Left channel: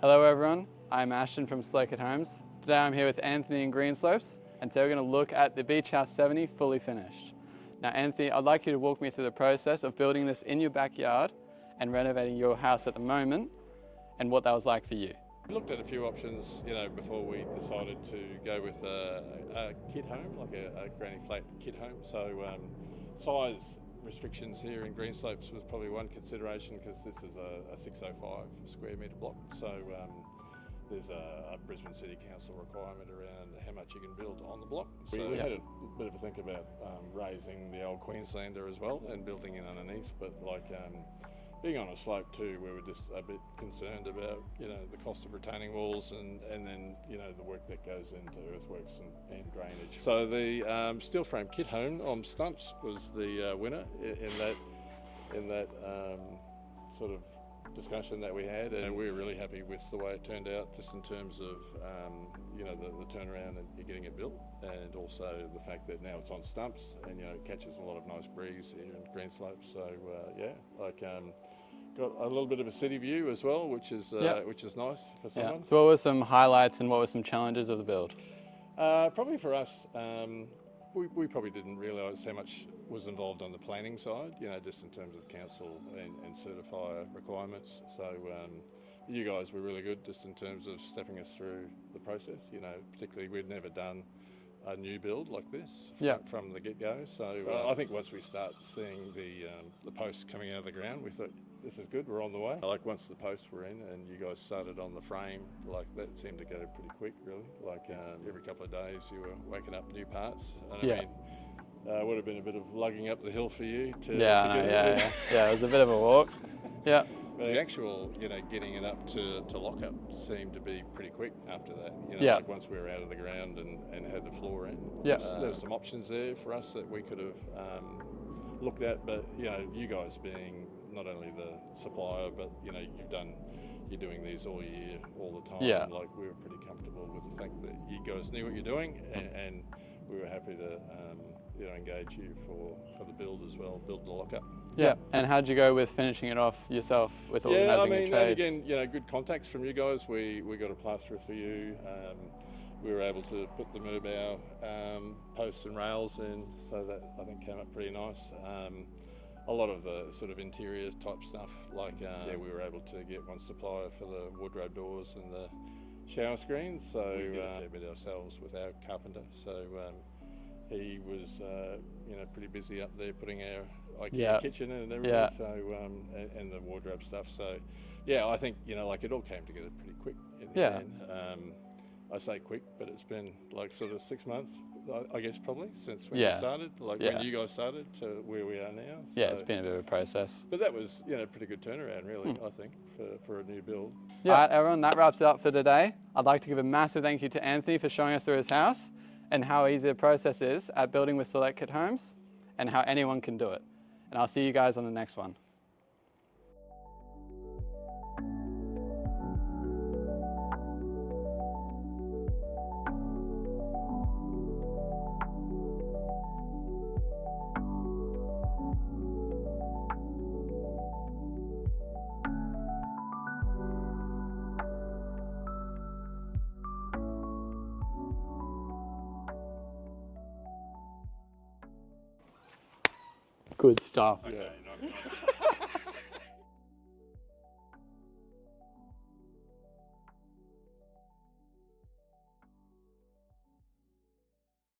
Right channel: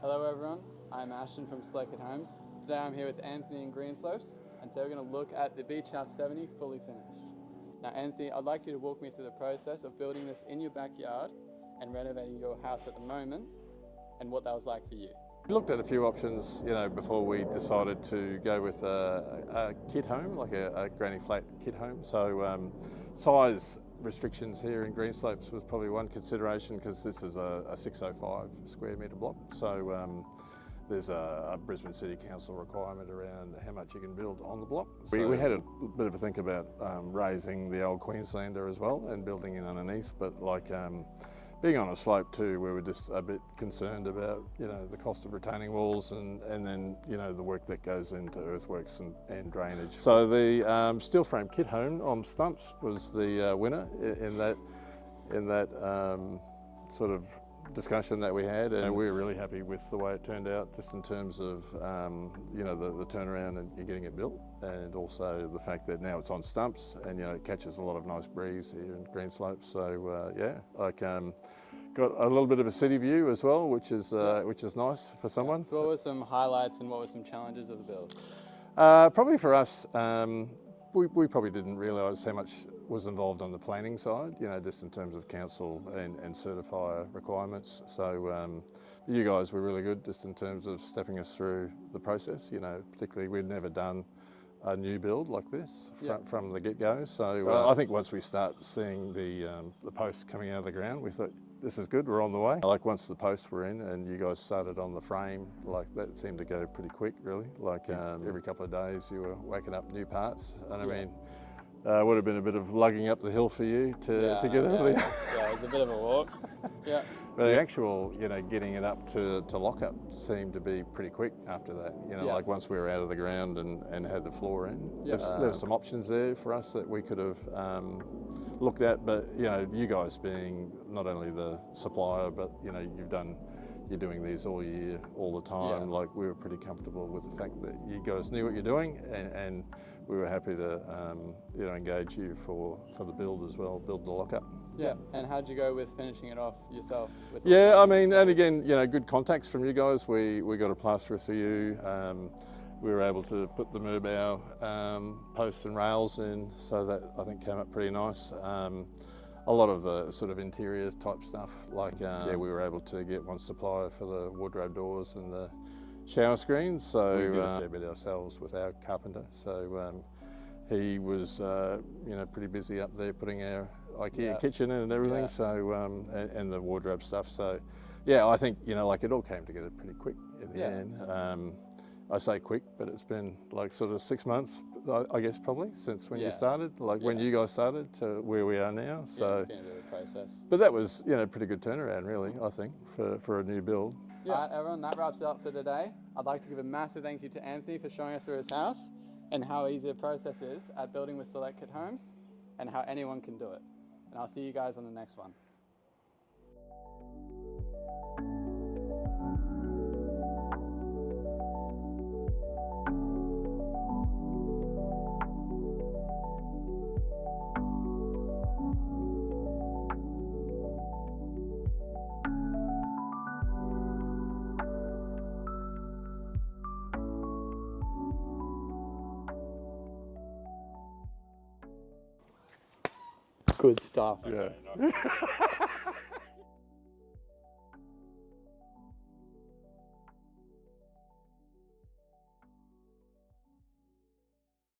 Hello everyone, I'm Ashton from Select Homes. Today I'm here with Anthony in Greenslopes, and today we're going to look at the Beach House 70 fully finished. Now Anthony, I'd like you to walk me through the process of building this in your backyard and renovating your house at the moment, and what that was like for you. We looked at a few options, before we decided to go with a kit home, like a granny flat kit home. So size restrictions here in Greenslopes was probably one consideration, because this is a 605 square metre block. So there's a Brisbane City Council requirement around how much you can build on the block. So we had a bit of a think about raising the old Queenslander as well and building in underneath, but being on a slope too, we were just a bit concerned about, the cost of retaining walls and then, the work that goes into earthworks and drainage. So the steel frame kit home on stumps was the winner in that sort of discussion that we had, and we were really happy with the way it turned out, just in terms of the turnaround and getting it built, and also the fact that now it's on stumps and it catches a lot of nice breeze here in Greenslopes. So got a little bit of a city view as well, which is nice for someone. So what were some highlights and what were some challenges of the build? Probably for us, we probably didn't realise how much was involved on the planning side, just in terms of council and certifier requirements. So you guys were really good just in terms of stepping us through the process. Particularly we'd never done a new build like this from the get-go. So I think once we start seeing the posts coming out of the ground, we thought, this is good, we're on the way. Like once the posts were in and you guys started on the frame, that seemed to go pretty quick, really. Every couple of days you were waking up new parts. And would have been a bit of lugging up the hill for you to get into. Yeah, it was a bit of a walk. Yeah. But the actual, getting it up to lock up seemed to be pretty quick after that. Like once we were out of the ground and had the floor in. There were some options there for us that we could have looked at, but you guys being not only the supplier, but you're doing these all year, all the time. Yeah. We were pretty comfortable with the fact that you guys knew what you're doing, and we were happy to engage you for the build as well, build the lockup. Yeah. And how'd you go with finishing it off yourself? With all and again, good contacts from you guys. We got a plasterer for you. We were able to put the Merbau posts and rails in, so that I think came up pretty nice. A lot of the sort of interior type stuff, we were able to get one supplier for the wardrobe doors and the shower screens. So we did a fair bit ourselves with our carpenter. So he was, pretty busy up there putting our IKEA kitchen in and everything. Yeah. So and the wardrobe stuff. So I think it all came together pretty quick in the end. I say quick, but it's been sort of 6 months, I guess, probably since when you started, when you guys started to where we are now. So it's been a bit of a process. But that was, pretty good turnaround, really, I think, for a new build. Yeah. All right, everyone, that wraps it up for today. I'd like to give a massive thank you to Anthony for showing us through his house and how easy the process is at building with Select Homes and how anyone can do it. And I'll see you guys on the next one. Good stuff. Okay, nice.